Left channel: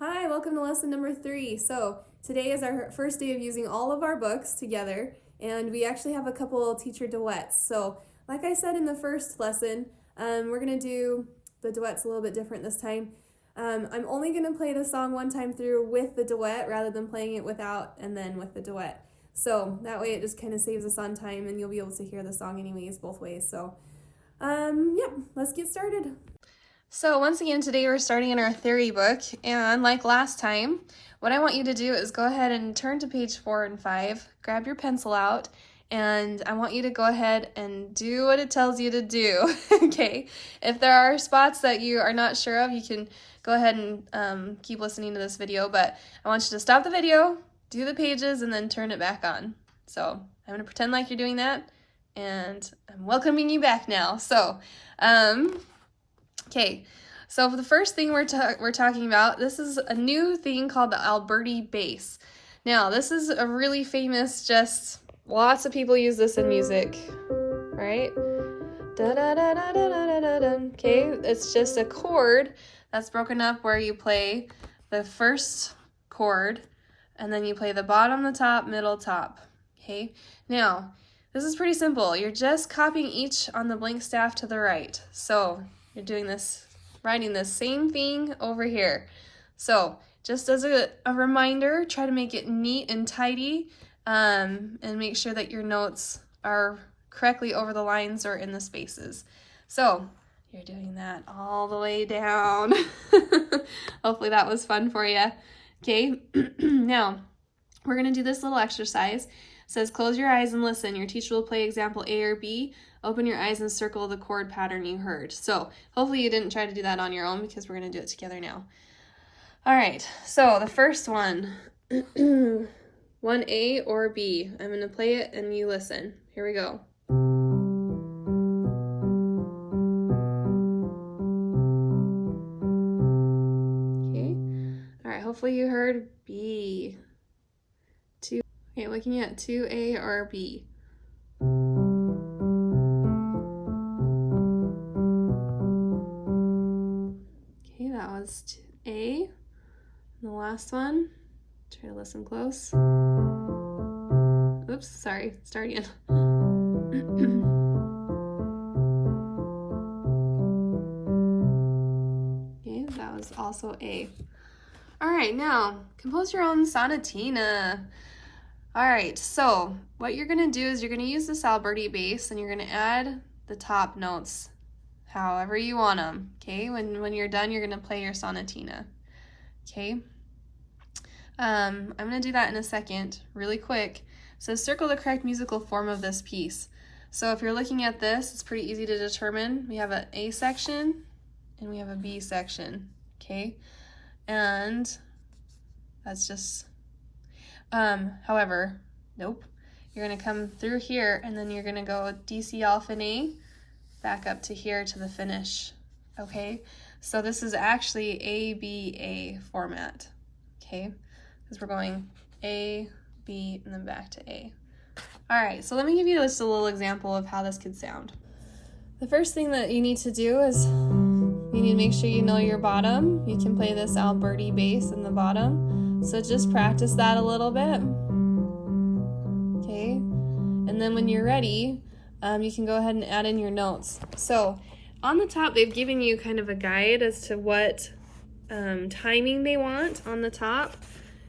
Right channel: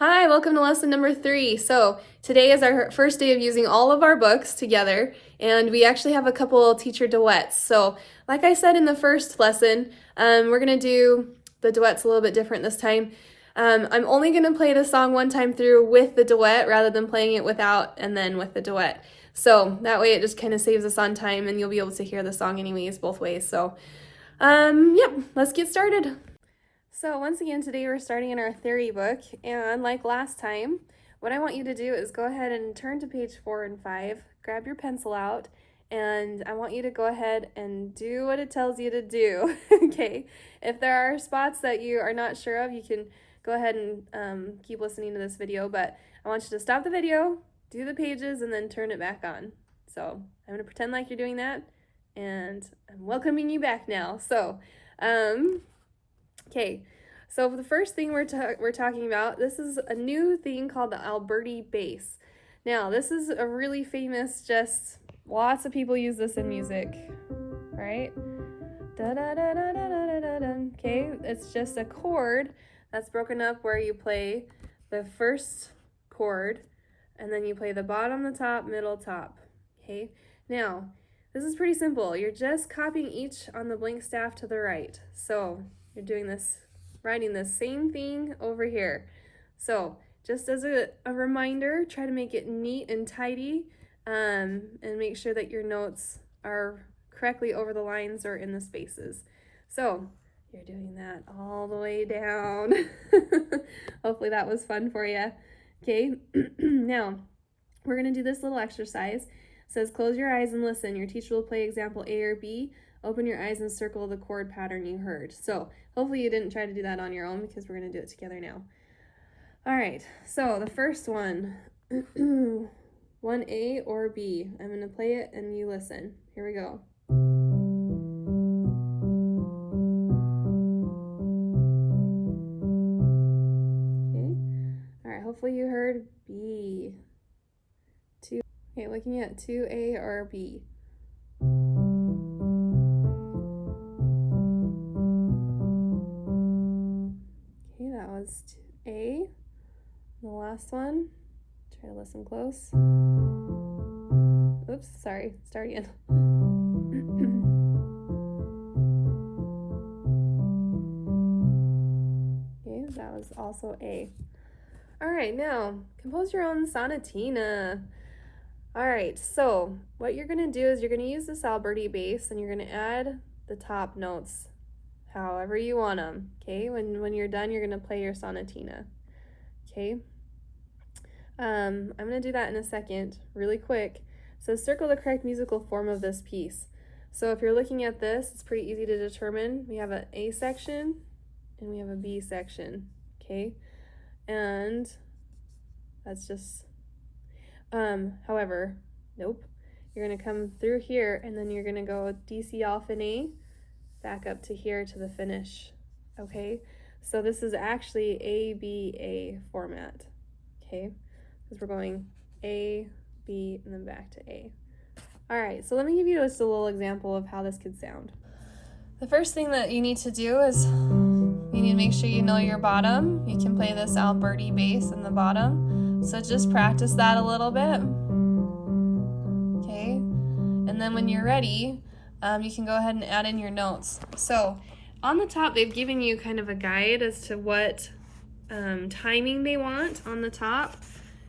Hi, welcome to lesson number 3. So today is our first day of using all of our books together, and we actually have a couple teacher duets. So like I said in the first lesson, we're going to do the duets a little bit different this time. I'm only going to play the song one time through with the duet rather than playing it without and then with the duet. So that way it just kind of saves us on time and you'll be able to hear the song anyways both ways. So yep, let's get started. So once again, today we're starting in our theory book, and like last time, what I want you to do is go ahead and turn to page 4 and 5, grab your pencil out, and I want you to go ahead and do what it tells you to do, okay? If there are spots that you are not sure of, you can go ahead and keep listening to this video, but I want you to stop the video, do the pages, and then turn it back on. So I'm going to pretend like you're doing that, and I'm welcoming you back now. So, okay, so the first thing we're talking about, this is a new thing called the Alberti Base. Now, this is a really famous, just lots of people use this in music, right? Da da da da da da da da. Okay, it's just a chord that's broken up where you play the first chord, and then you play the bottom, the top, middle, top. Okay, now this is pretty simple. You're just copying each on the blank staff to the right. So you're doing this, writing the same thing over here. So just as a reminder, try to make it neat and tidy, and make sure that your notes are correctly over the lines or in the spaces. So you're doing that all the way down. Hopefully that was fun for you. Okay, now we're gonna do this little exercise. It says close your eyes and listen. Your teacher will play example A or B. Open your eyes and circle the chord pattern you heard. So hopefully you didn't try to do that on your own because we're going to do it together now. All right, so the first one, 1A or B. I'm going to play it and you listen. Here we go. Okay, all right, hopefully you heard B. 2. Okay, looking at 2A or B. A. The last one, try to listen close. Oops, sorry, start again. Okay, that was also A. All right, now compose your own Sanitina. All right, so what you're gonna do is you're gonna use this Alberti Base and you're gonna add the top notes however you want them, okay? When you're done, you're gonna play your Sanitina, okay? I'm gonna do that in a second, really quick. So circle the correct musical form of this piece. So if you're looking at this, it's pretty easy to determine. We have an A section and we have a B section, okay? And that's just, however, nope. You're gonna come through here and then you're gonna go D, C, F, and A, back up to here to the finish, okay? So this is actually A-B-A format, okay? Because we're going A, B, and then back to A. All right, so let me give you just a little example of how this could sound. The first thing that you need to do is you need to make sure you know your bottom. You can play this Alberti Base in the bottom, so just practice that a little bit, okay? And then when you're ready, you can go ahead and add in your notes. So on the top, they've given you kind of a guide as to what timing they want on the top.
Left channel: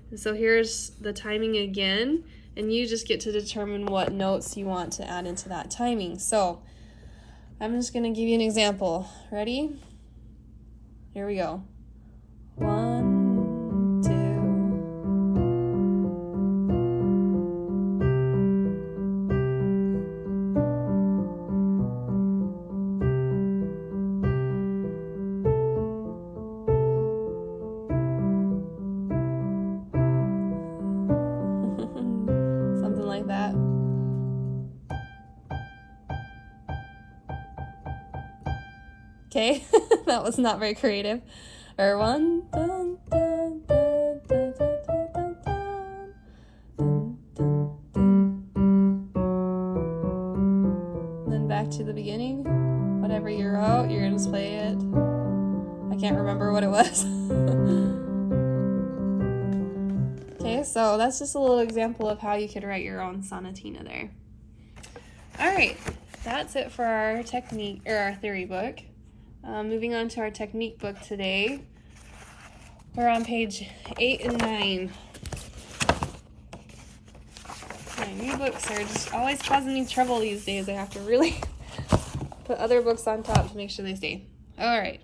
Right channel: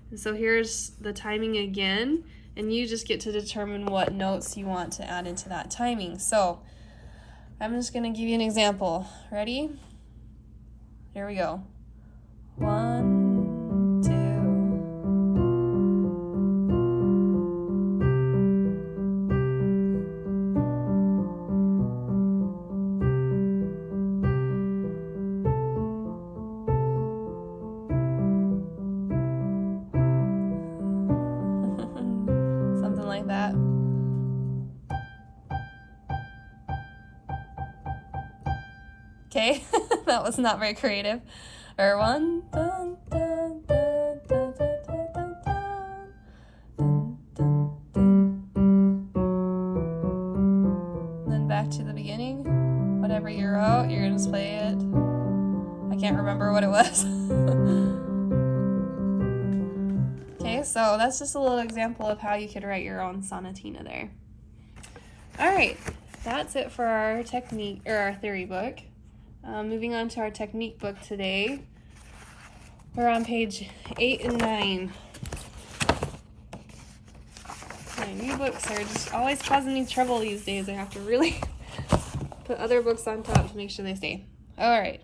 And so here's the timing again, and you just get to determine what notes you want to add into that timing. So I'm just gonna give you an example. Ready? Here we go. 1, 2. Something like that. Okay, that was not very creative. Or 1, dun, dun, dun, dun, dun, dun, dun, dun, dun, dun. Then back to the beginning. Whatever you wrote, you're gonna just play it. I can't remember what it was. So that's just a little example of how you could write your own sonatina there. All right, that's it for our technique or our theory book. Moving on to our technique book today. We're on page 8 and 9. My new books are just always causing me trouble these days. I have to really put other books on top to make sure they stay. All right.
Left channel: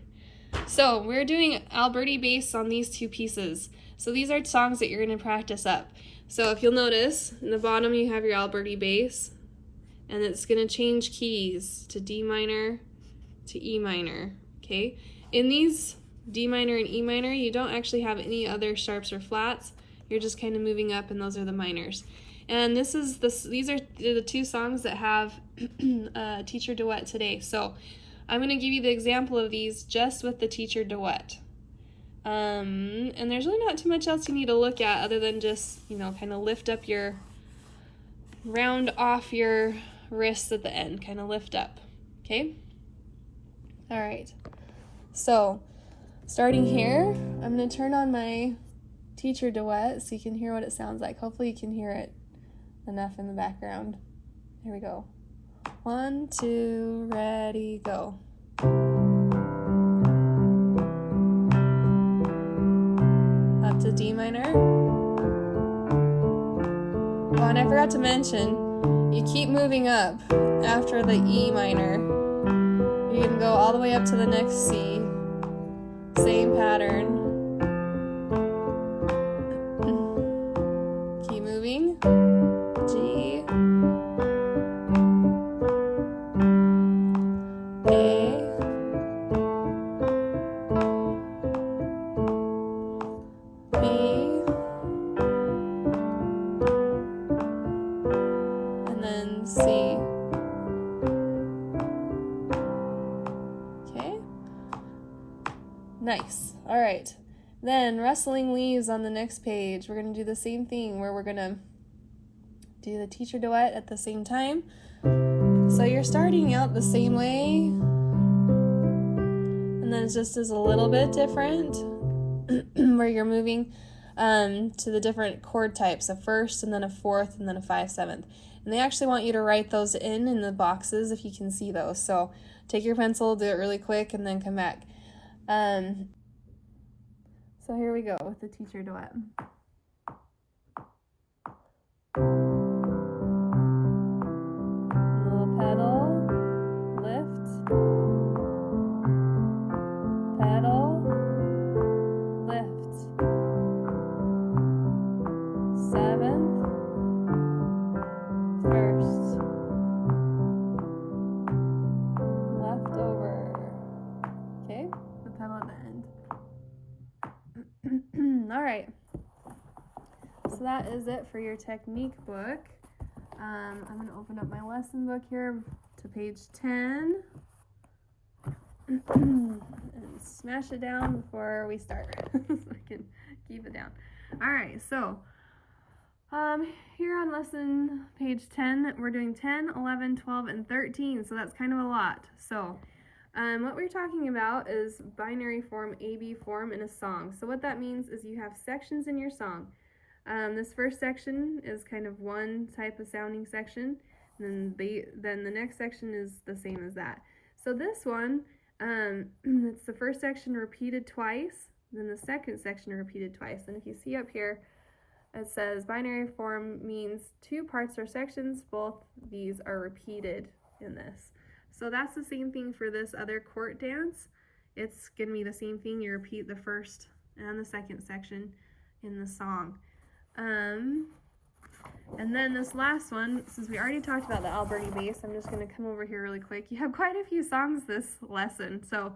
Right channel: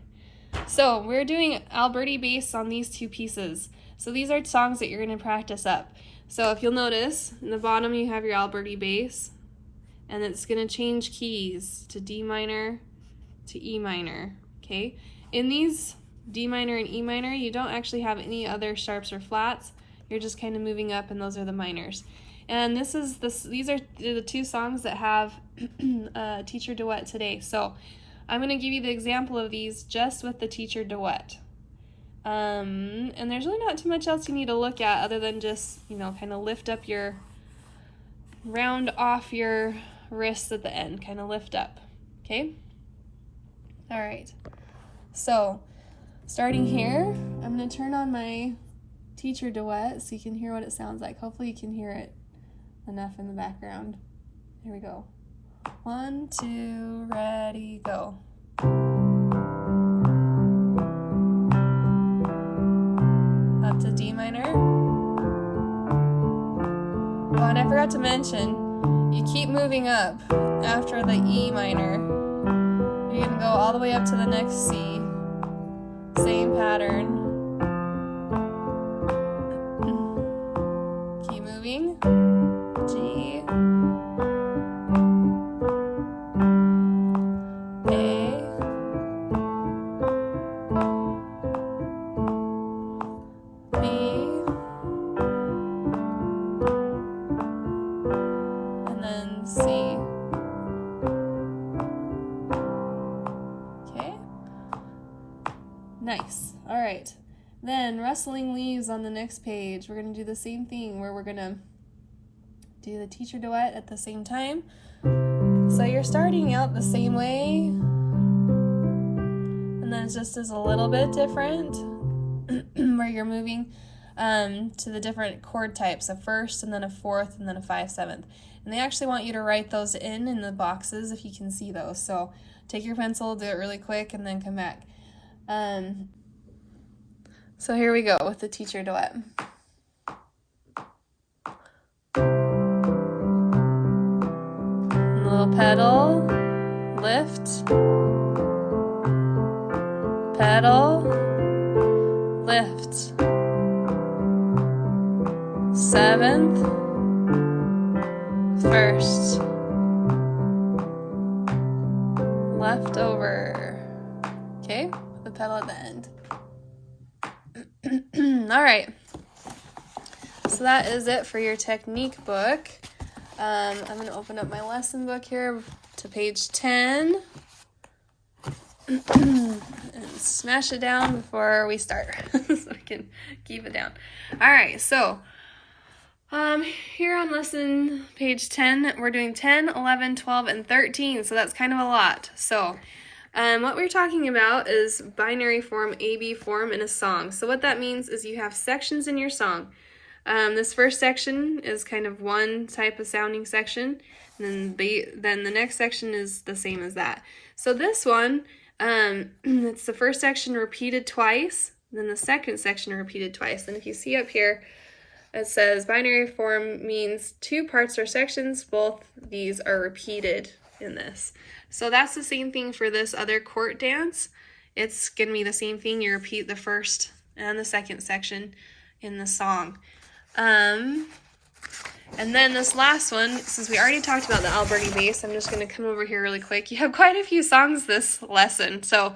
So we're doing Alberti Base on these two pieces. So these are songs that you're going to practice up. So if you'll notice, in the bottom you have your Alberti Base, and it's going to change keys to D minor to E minor, okay? In these D minor and E minor, you don't actually have any other sharps or flats. You're just kind of moving up, and those are the minors. And these are the two songs that have a teacher duet today. So I'm going to give you the example of these just with the teacher duet. And there's really not too much else you need to look at other than just, you know, kind of lift up your, round off your wrists at the end, kind of lift up, okay? All right, so starting here, I'm going to turn on my teacher duet so you can hear what it sounds like. Hopefully you can hear it enough in the background. Here we go. 1, 2, ready, go. Up to D minor. Oh, and I forgot to mention, you keep moving up after the E minor. You're gonna go all the way up to the next C. Same pattern. Keep moving. G. A. B. And then C. Okay. Nice. All right. Then rustling leaves on the next page. We're going to do the same thing where we're going to do the teacher duet at the same time. So you're starting out the same way, and then it just is a little bit different where you're moving to the different chord types, a first and then a fourth and then a 5/7. And they actually want you to write those in the boxes if you can see those. So take your pencil, do it really quick, and then come back. So here we go with the teacher duet. Little pedal, lift, pedal, lift, 7th, 1st, left over, okay, the pedal at the end. All right, so that is it for your technique book. I'm going to open up my lesson book here to page 10 and smash it down before we start so I can keep it down. All right, so here on lesson page 10, we're doing 10, 11, 12, and 13, so that's kind of a lot. So what we're talking about is binary form, AB form in a song. So what that means is you have sections in your song. This first section is kind of one type of sounding section, and then the next section is the same as that. So this one, it's the first section repeated twice, then the second section repeated twice. And if you see up here, it says binary form means two parts or sections. Both these are repeated in this. So that's the same thing for this other court dance. It's going to be the same thing. You repeat the first and the second section in the song. And then this last one, since we already talked about the Alberti Base, I'm just going to come over here really quick. You have quite a few songs this lesson, so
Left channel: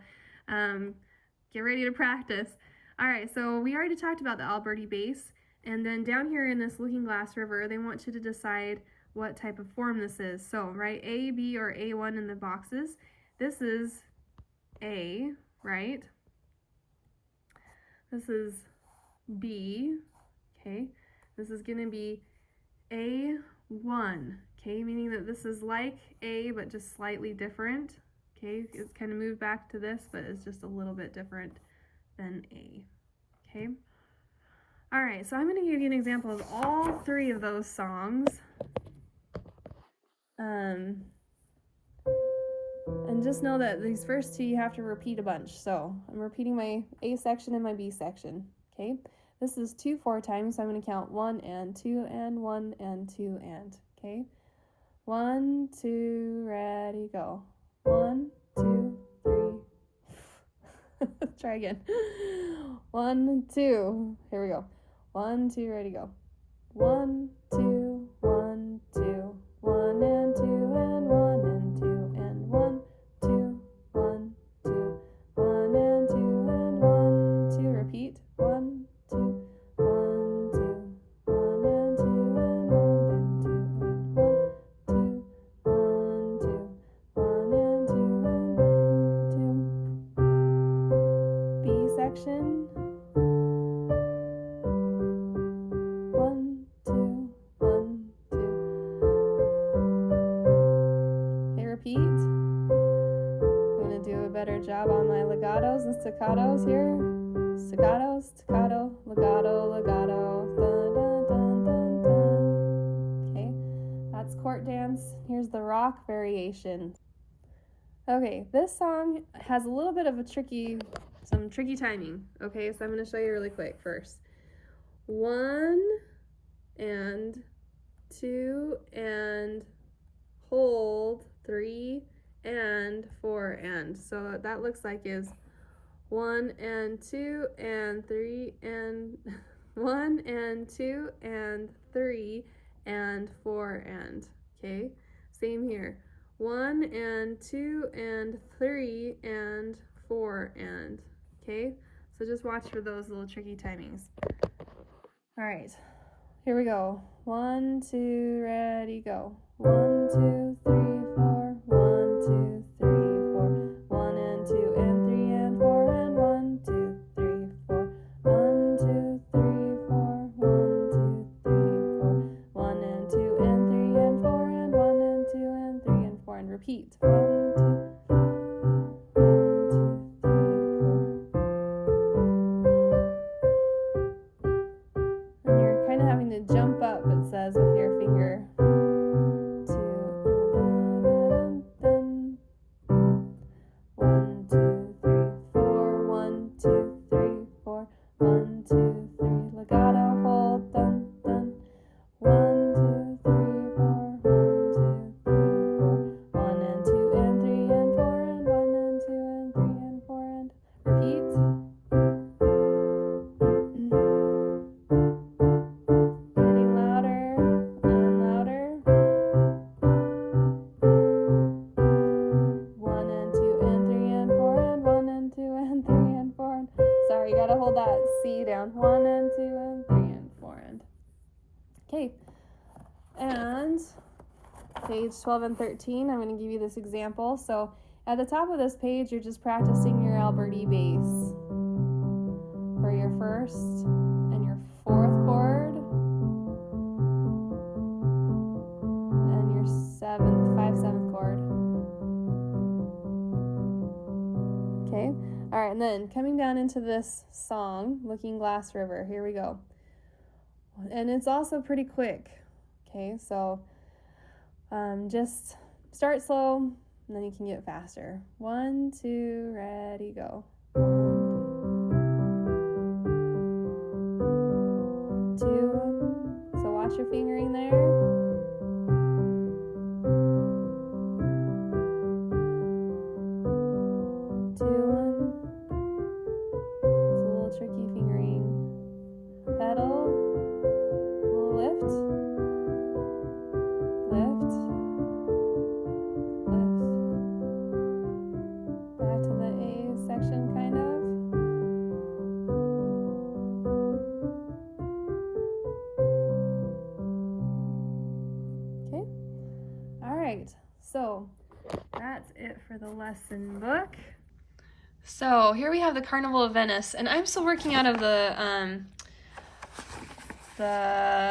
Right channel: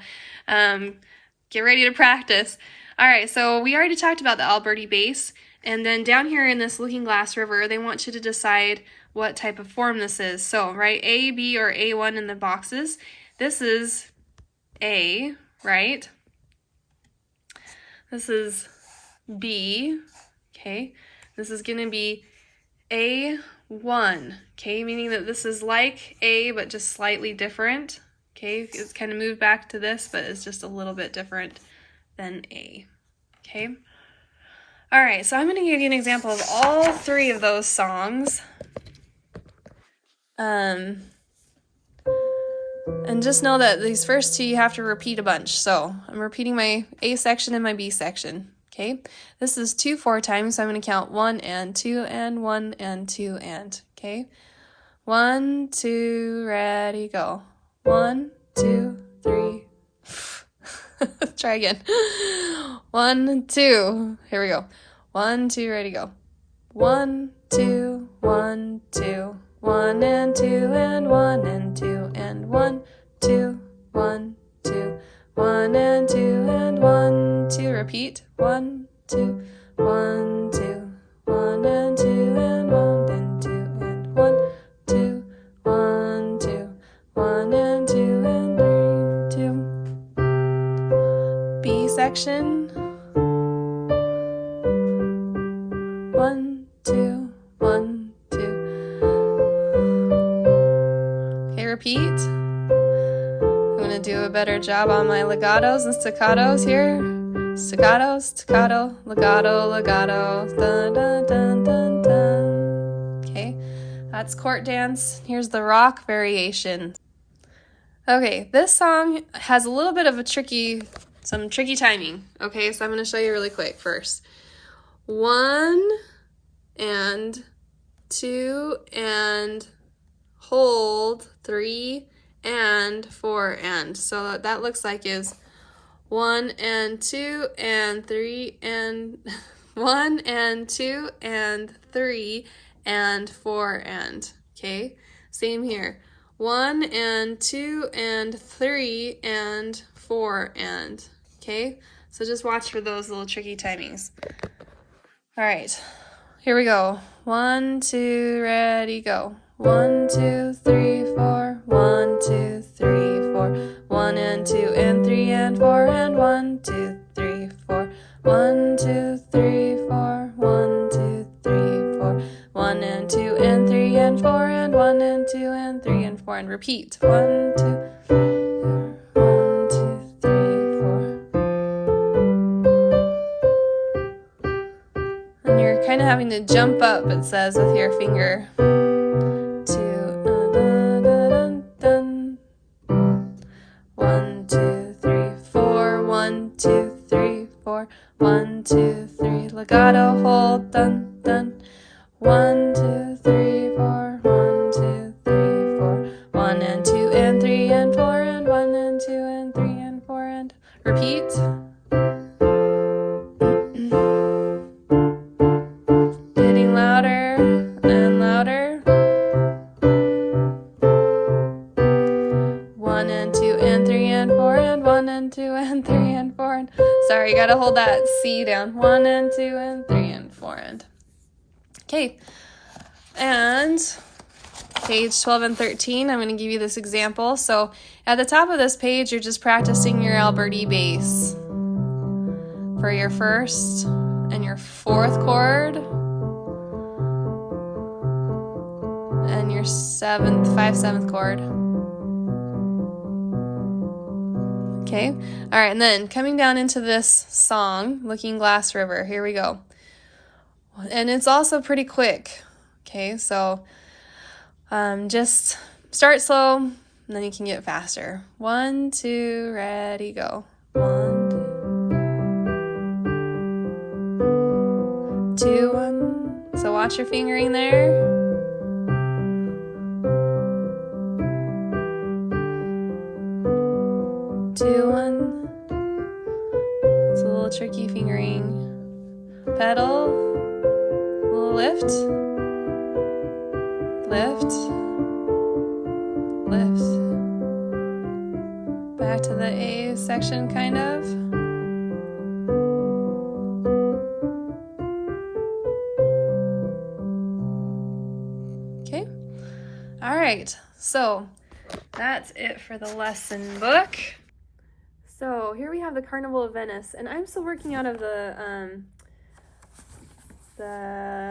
get ready to practice. All right, so we already talked about the Alberti Base, and then down here in this Looking Glass River, they want you to decide what type of form this is. So write A, B, or A1 in the boxes. This is A, right? This is B, okay? This is going to be A1, okay? Meaning that this is like A, but just slightly different, okay? It's kind of moved back to this, but it's just a little bit different than A, okay? All right, so I'm going to give you an example of all three of those songs. And just know that these first two you have to repeat a bunch. So I'm repeating my A section and my B section. Okay, this is 2/4 times, so I'm going to count 1 and 2 and 1 and 2 and. Okay, 1, 2, ready, go. 1, 2, 3. Try again. 1, 2. Here we go. 1, 2, ready, go. 1, 2, 1, 2. 1 and 2 and 1 and 2 and 1, 2, 1, 2. 1 and 2 and 1, 2. Repeat. 1, 2, 1, 2. 1 and 2 and 1 and 2 and 1, 2, 1, 2. 1 and 2 and 3, 2. B section. 1, 2, 1, 2. Okay, repeat. I'm going to do a better job on my legatos and staccatos here. Staccato, staccato, legato, legato. Dun, dun, dun, dun, dun. Okay, that's court dance. Here's the rock variation. Okay, this song has a little bit of some tricky timing. Okay, so I'm going to show you really quick first. 1 and 2 and hold, 3 and 4 and. So that looks like is 1 and 2 and 3 and 1 and 2 and 3 and 4 and. Okay, same here. 1 and 2 and 3 and 4 and. Okay, so just watch for those little tricky timings. All right, here we go. 1, 2, ready, go. 1, 2, 3, 4. 1, 2, 3, 4. 1 and 2 and 3 and 4 and 1, 2, 3, 4. 1, 2, 3, 4. 1, 2, 3, 4. 1 and 2 and 3 and 4 and 1 and 2 and 3 and 4 and repeat. 1, 2. 1, 2, 3, 4. And you're kind of having to jump up, it says, with your finger. 1, 2, 3, 4. 1, 2, 3, 4. 1, 2, 3. Legato, hold, dun, dun. 1, 2, 3, 4. 1, 2, 3, 4. 1 and 2 and 3 and 4 and 1 and 2 and 3 and 4 and repeat. Getting louder and louder. 1 and 2 and 3 and 4 and 1 and 2 and 3 and 4 and. Sorry, you gotta hold that C down. 1 and 2 and 3 and 4 and. Okay, and page 12 and 13, I'm going to give you this example. So at the top of this page, you're just practicing your Alberti Base for your first and your fourth chord and your 5/7 chord. Okay, all right, and then coming down into this song, Looking Glass River, here we go. And it's also pretty quick. Okay, so just start slow, and then you can get faster. 1, 2, ready, go. 1, 2, 1. So watch your fingering there. 2, 1. It's a little tricky fingering. Pedal. Lift, lift, lift. Back to the A section, kind of. Okay. All right. So that's it for the lesson book. So here we have the Carnival of Venice, and I'm still working out of the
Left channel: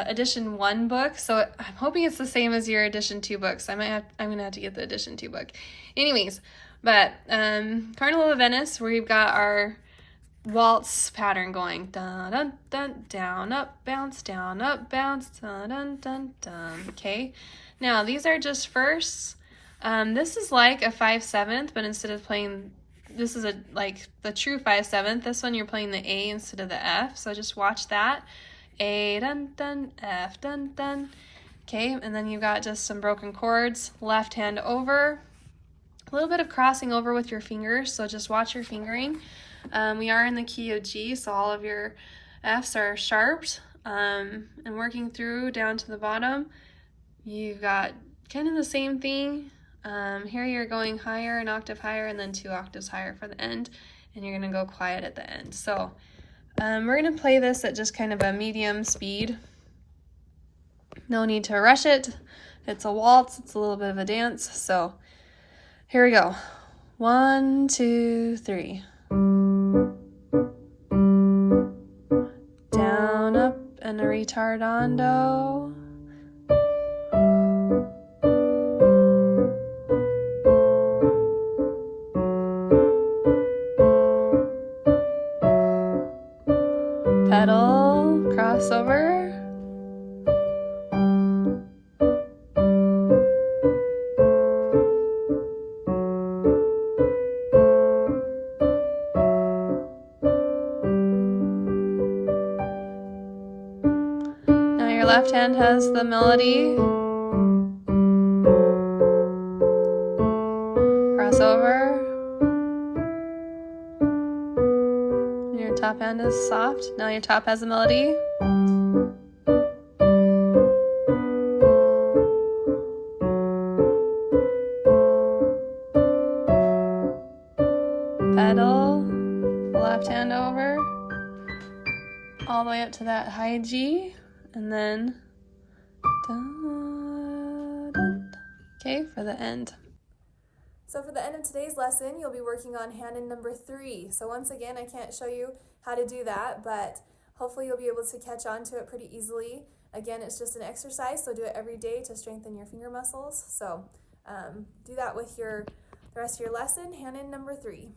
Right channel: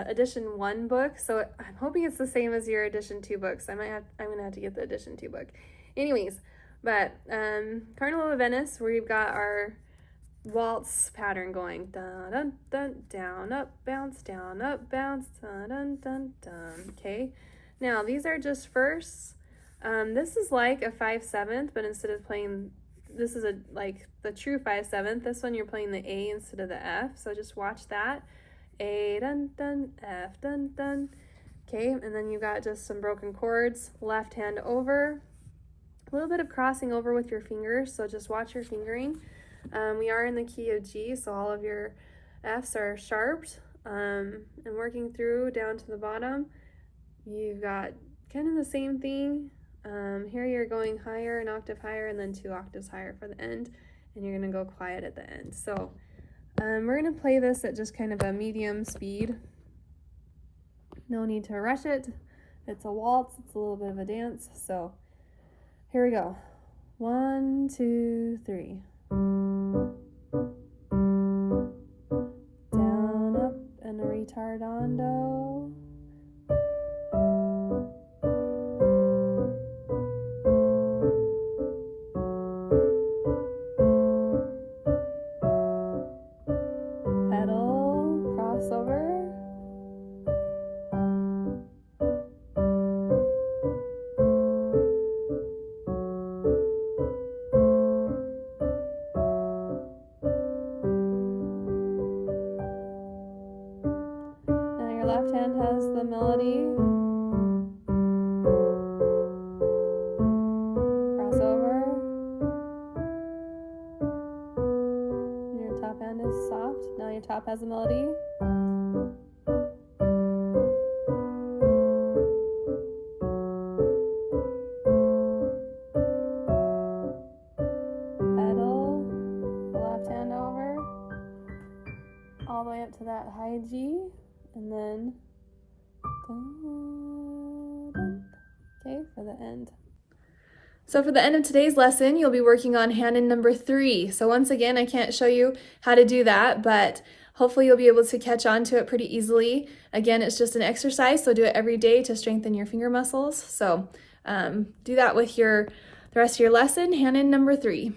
edition 1 book, so I'm hoping it's the same as your edition 2 book. So I'm gonna have to get the edition 2 book. Anyways, but Carnival of Venice, we've got our waltz pattern going. Dun dun dun down, up, bounce, down, up, bounce, dun, dun, dun, dun. Okay, now these are just firsts. This is like a 5/7, but instead of playing, this is like the true 5/7. This one you're playing the A instead of the F, so just watch that. A, dun, dun, F, dun, dun. Okay, and then you've got just some broken chords, left hand over, a little bit of crossing over with your fingers, so just watch your fingering. We are in the key of G, so all of your Fs are sharped, and working through down to the bottom. You've got kind of the same thing. Here you're going higher, an octave higher, and then 2 octaves higher for the end, and you're gonna go quiet at the end. So we're gonna play this at just kind of a medium speed. No need to rush it. It's a waltz, it's a little bit of a dance. So here we go. 1, 2, 3. Down, up, and a ritardando. Pedal, crossover. Now your left hand has the melody. Crossover. Your top hand is soft. Now your top has a melody. Pedal, left hand over, all the way up to that high G, and then, okay, for the end. So for the end of today's lesson, you'll be working on hand in number 3. So once again, I can't show you how to do that, but hopefully you'll be able to catch on to it pretty easily. Again, it's just an exercise, so do it every day to strengthen your finger muscles. So do that with the rest of your lesson, hand in number 3.